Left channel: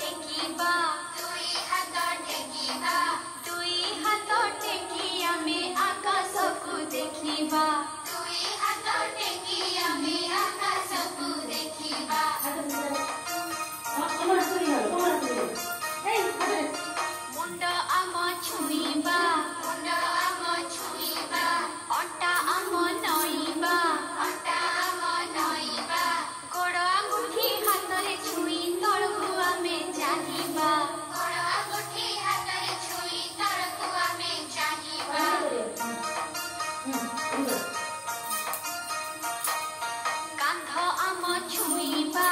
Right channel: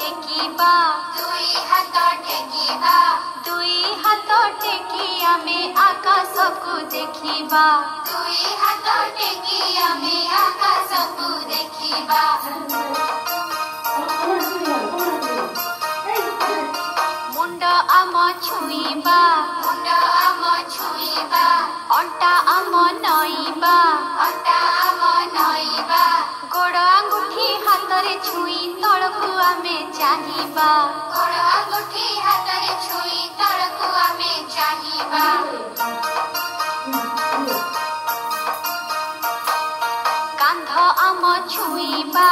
टेकिबा दुई हाथ टेकी आमे आकाश को देखिबा मुंड आम छुईबा अंटा आम नईबा गोड़ आंगुठी हाथ रे छुई तलकू आमे चाहिबा कांध आम छुईबा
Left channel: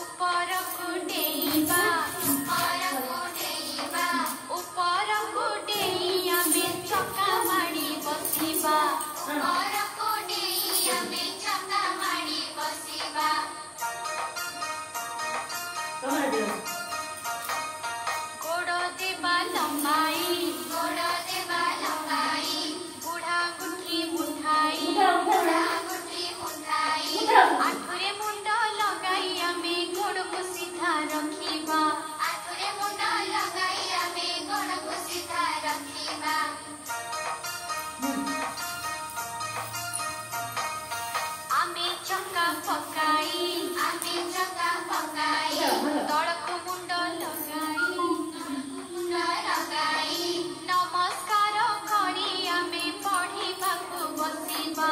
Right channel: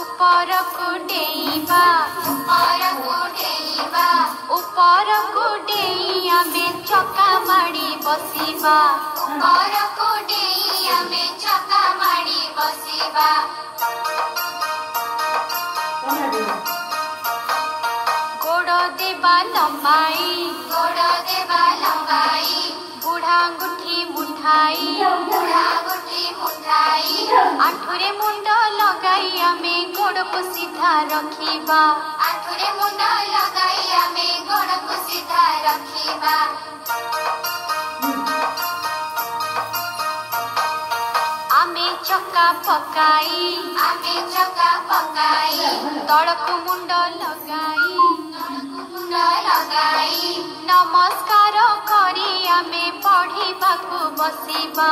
ऊपर को डेइबा ऊपर को डेई आमे चका माड़ी बसिबा गोड़ देबा लंबाई बुढ़ा अंगुठी मुठाई आठुरे मुंड लगाई आमे गोड़ को सीधा रखिबा आमे चक्का पकाई तड़कू मुंड लगाई नमस्कार करी आमे पढ़िबाकू बसिबा